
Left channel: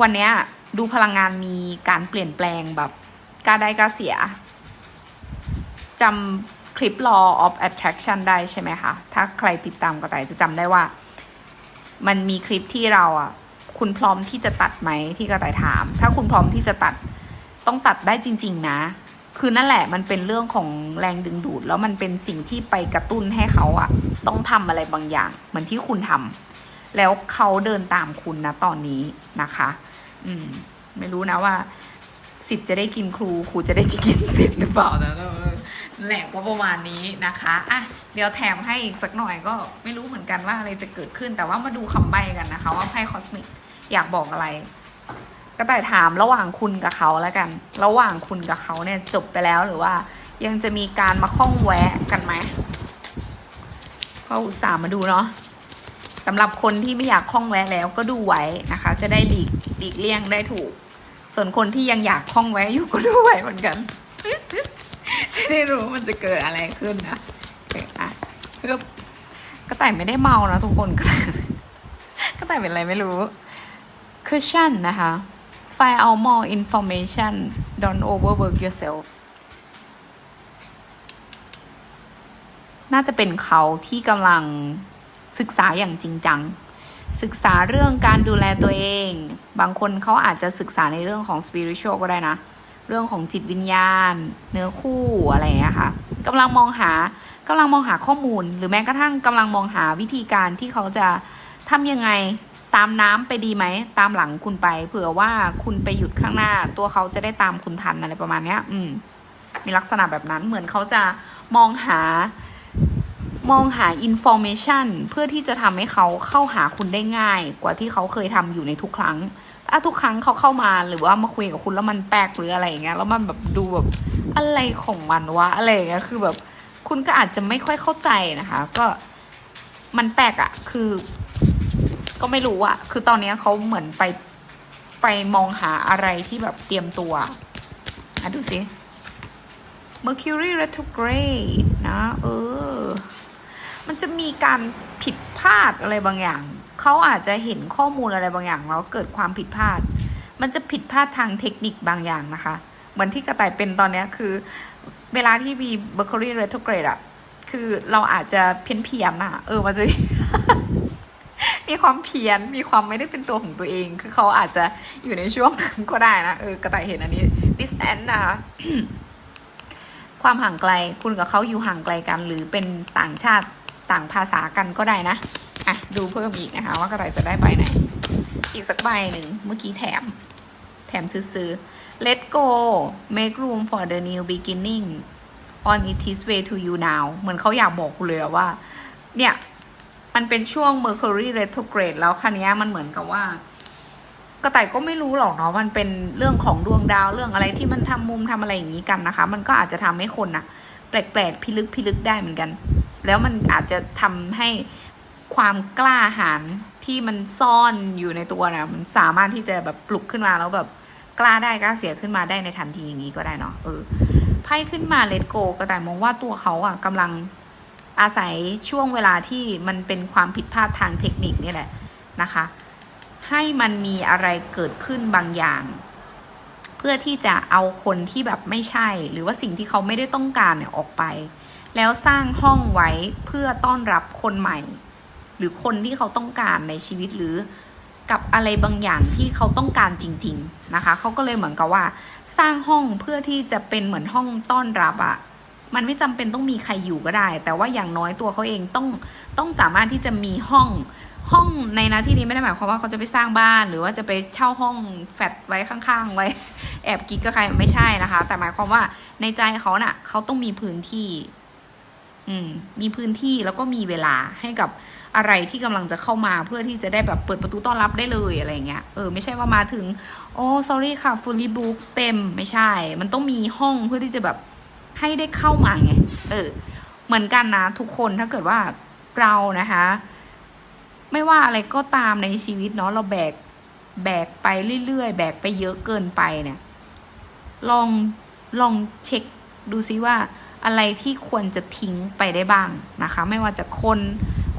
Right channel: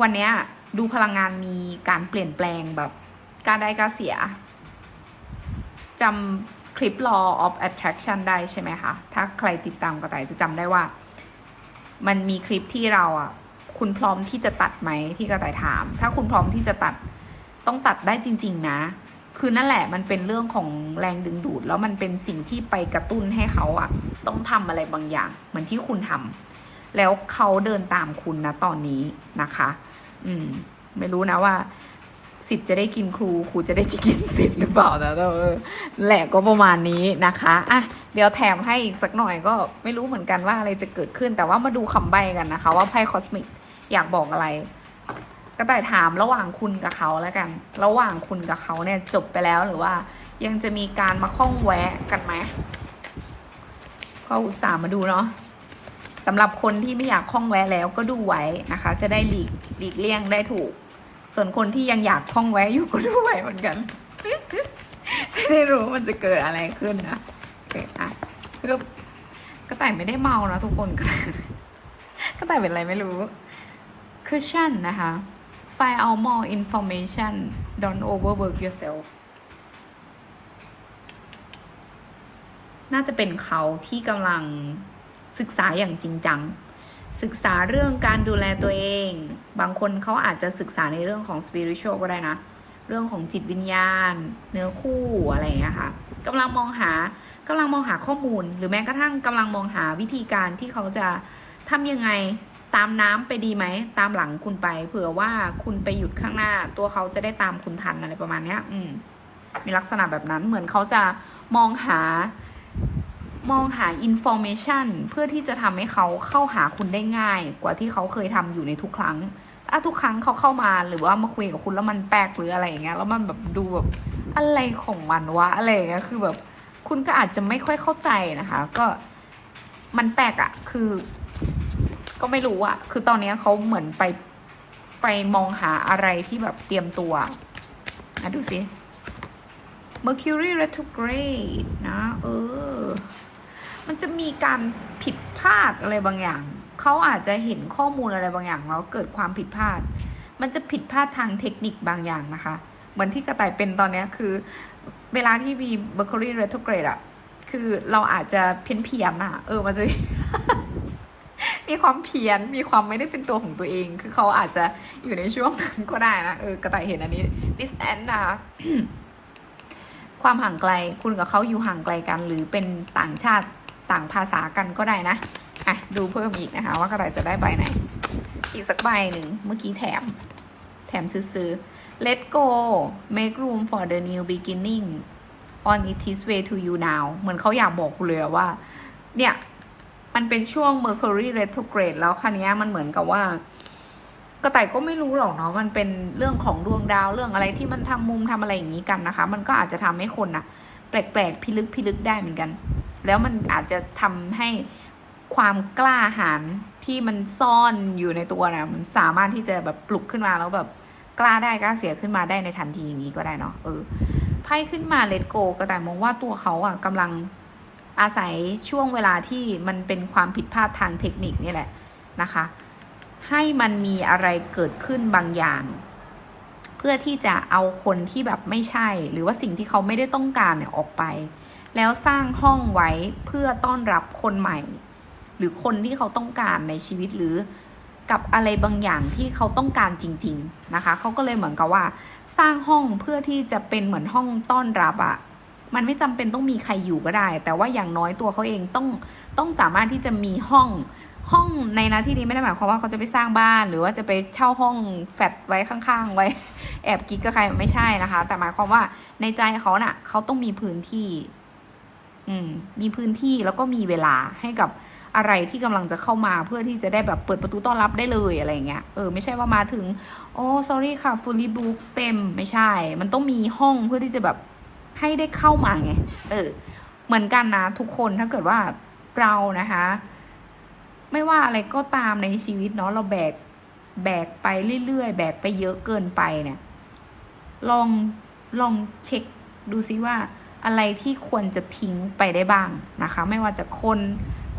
วันเนี้ยดูพลังงานมีการเปลี่ยนแปลงแบบกล้าได้กล้าเสีย จำคลิป law of attraction ได้ใช่ไหมคะ ถ้าใครติดตามก็แต่จะจำได้ว่า มันมีคลิปที่เราอะ คุณพร้อมที่จะตัดไหมที่กระต่ายถาม ถ้าคุณพร้อมที่จะตัดต้องตัดได้จริง ๆ นะ คือนั่นแหละมันเป็นเรื่องของแรงดึงดูด แล้วมันเป็นสิ่งที่ไปกระตุ้นให้เขาอะ ต้องทำอะไรบางอย่าง เหมือนที่คุณทำแล้วเขาเดินตามคุณนะตอนนี้นะคะ อืม ไม่รู้นะว่า สิทธิ์จะได้กินครูครูจะได้จะกินสิทธิ์หรือเปล่านะแต่เออแหละก็ประมาณนี้นะคะอะเดี๋ยวแถมให้อีกสักหน่อยก็ไม่รู้เหมือนกันว่าอะไรจะเกิดขึ้น แต่ว่ามาดูคำใบ้กันนะคะ ว่าไพ่คอสมิกอยากบอกอะไรก็แต่ถามระหว่างคุณกับเขาแล้วกัน ระหว่างคุณกับเขาเนี่ยจบไปแล้วหรือว่า ยังจะมีการมาข้องแวะกันไหมก็อุตส่าห์มาดูเนาะสำหรับคนที่ไม่อยากข้องแวะแล้วก็ดูไว้นะคะ จะได้หลีกหลีกเลี่ยงได้ถูก ส่วนคนที่ยังอยากข้องแวะอยู่ก็ดูไว้เหมือนกันจะได้รู้มันจะเกิดอะไรขึ้นนะโอเคอะเพื่อกระต่ายไม่ได้เมานะทุกคนกระต่ายเป็นอะไรไม่รู้ cushion นะคะ find out more information don't overwork yourself น่าจะเป็นเขาที่กำลังศึกษาอย่างจริงจัง ศึกษาเรื่องการดูแลตัวเอง บางคนเขาอาจจะศึกษาในเรื่องของ spiritual ก็ได้นะ เรื่องของจิตวิญญาณ เนื้อคู่อะไรอย่างเงี้ยค่ะกำลังมองหากำลังมองหาข้อมูล หรือแม้กระทั่งกำลังมองหาวิธีการที่เขาจะทำยังไงตามน้ำไปดีไหม ตามหลังคุณไป เผื่อว่าคุณไปหยุดข้างหน้า ตัวเขาจะได้ตามคุณทันอะไรประมาณเนี้ย อืม มีลักษณะแบบนั้นเหมือนเขาจะมองหา มองหาอินโฟเมชันเพื่อที่จะทำให้เขาเข้าหาคุณได้ง่าย กว่าที่เขาเคยทำอยู่ในทุกครั้งถ้าทุกครั้งเขาเข้ามาหรือว่ามาคุยกับคุณแล้วมันแปลกหรืออะไรอย่างเงี้ยแล้วมันแบบดูแบบอะไรของมันวะอะไรอย่างเงี้ยคือแบบคุณก็อาจจะไม่ค่อยเข้าใจนะคะ ก็มันแปลกอะคือ ก็ไม่รู้อะคือตอนนี้เขาเหมือนไปไปมองหาอะไรที่แบบเตรียมตัวอะดูสิ Mercury retrograde นะ เออ มันจะมีการผิดพลาดอะไรบางอย่าง เขาอาจจะเห็นข้อมูลอะไรบางอย่างแล้วเกิดความผิดพลาด มันจะผิดพลาดทางเทคนิคบางอย่างนะคะ เหมือนที่กระต่ายเป็นตอนนี้คือ เวลาที่มี Mercury retrograde อะคือเราอาจจะเพี้ยนเพียนๆอะเออมันจะมีความเพี้ยน มีความไม่ได้เป็นตัวของตัวเอง คือเขาอาจจะอยู่ในช่วงนั้นก็ได้นะ เออ กระต่ายเห็นอันนี้ distance นะคะความห่างไกล คุณกับเขาอยู่ห่างไกลกัน หรือเป็นต่างชาติ ต่างภาษากันก็ได้นะอะดูเพิ่มอีกนะคะ ว่ากระต่ายจะได้ใบไหน อีกสักใบหนึ่งเมื่อกี้แถม แถมซื้อ let go make room for the new beginning on its way to you now เหมือนเขาอยากบอกคุณเลยว่า เนี่ย มันเป็นช่วง Mercury retrograde แล้วคันนี้ยมันเหมือนกับว่า กระต่ายก็ไม่รู้หรอกเนาะ มันเป็นเรื่องของดวงดาวเรื่องอะไรที่มันทำมุมทำอะไรอย่างนี้กันนะคะ มันก็อาจจะทำให้คนอะ แปลกๆพิลึกพิลึกได้เหมือนกัน แล้วมันอาจจะทำให้ความกล้าหาญที่มันซ่อนอยู่ในตัวนะมันสามารถที่จะแบบปลุกขึ้นมาแล้วแบบกล้าได้กล้าเสียขึ้นมาได้ในทันทีอย่างนี้ก็ได้เนาะเออไพ่ขึ้นมาเลตโกกระต่ายมองว่าตัวเขาอะกำลังอาศัยช่วงเวลาที่มันเป็นความผิดพลาดทางเทคนิคนี่แหละนะคะ ให้มันมีอะไรเกิดขึ้นบางอย่าง เพื่อที่จะเอาคนที่แบบไม่ใช่ หรือว่าสิ่งที่เขาไม่ได้ต้องการเนี่ยออกไป แล้วสร้างห้องไว้เพื่อต้อนรับคนใหม่ หรือคนที่เขาต้องการในชีวิตหรือกับอะไรบางอย่างที่เขาต้องการจริง ๆ นะคะ เขาก็เลยเหมือนกับว่า สร้างห้องเพื่อที่จะเป็นเหมือนห้องต้อนรับอะ่ะมันไม่จำเป็นต้องมีใครอยู่ก็ได้ แต่ว่าอย่างน้อยตัวเขาเองต้องต้องสามารถที่จะมีห้อง ห้องในนาที่นี้ไม่ได้หมายความว่าเขาจะไปสร้างบ้าน หรือว่าจะไปเช่าห้องแฟดไว้ข้างๆ ไว้ แอบกิ๊กกับใครไม่ใช่นะคะ แต่หมายความว่าในใจเขาน่ะเขาต้องมีพื้นที่ อืม มีพื้นที่แล้วก็มีเวลาให้กับอะไรที่กำลังจะเข้ามาเพื่อที่จะได้แบบเปิดประตูต้อนรับได้เลยอะไรเงี้ยเออไม่ใช่ว่ามาถึงโอ้ sorry ค่ะ fully book เต็มไม่ใช่ มันต้องมีห้องเพื่อที่จะแบบให้ได้เข้ามาไง เออ เหมือนกันนะทุกคนถ้าเกิดว่าเรานะคะ ไม่ว่าอะไรก็ตามในชีวิตเนาะเราแบกแบกไปเรื่อยๆ แบกไปเยอะเกินไปเนี่ย ลองลองเช็คดูซิว่าอะไรที่ควรจะทิ้งไปได้บ้างนะคะ ไม่ว่าจะคน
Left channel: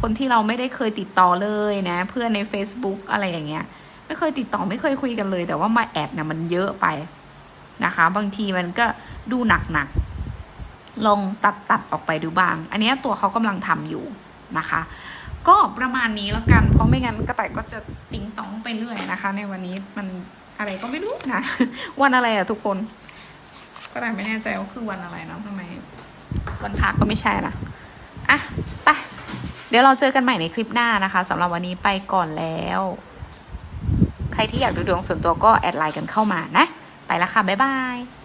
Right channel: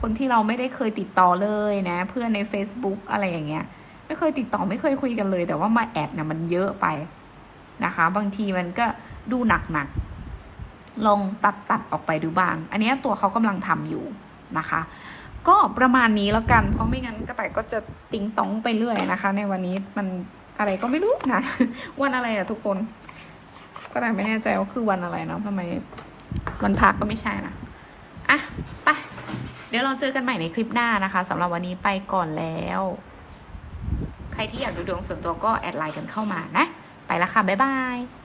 คนที่เราไม่ได้เคยติดต่อเลยนะ เพื่อนใน Facebook อะไรอย่างเงี้ย ไม่เคยติดต่อไม่เคยคุยกันเลย แต่ว่ามาแอดเนี่ยมันเยอะไปนะคะ บางทีมันก็ดูหนักๆลองตัดตัดออกไปดูบ้าง อันนี้ตัวเขากำลังทำอยู่นะคะ ก็ประมาณนี้แล้วกัน เพราะไม่งั้นกระต่ายก็จะติ้งตองไปเรื่อยนะคะ ในวันนี้มันอะไรก็ไม่รู้นะวันอะไรอะทุกคน ก็แต่ไม่แน่ใจว่าคือวันอะไรเนาะทำไมวันพักก็ไม่ใช่นะอะไปเดี๋ยวเราเจอกันใหม่ในคลิปหน้านะคะสำหรับวันนี้ไปก่อนแล้ว ใครที่อยากดูดวงส่วนตัวก็แอดไลน์กันเข้ามานะ ไปละค่ะ บ๊ายบาย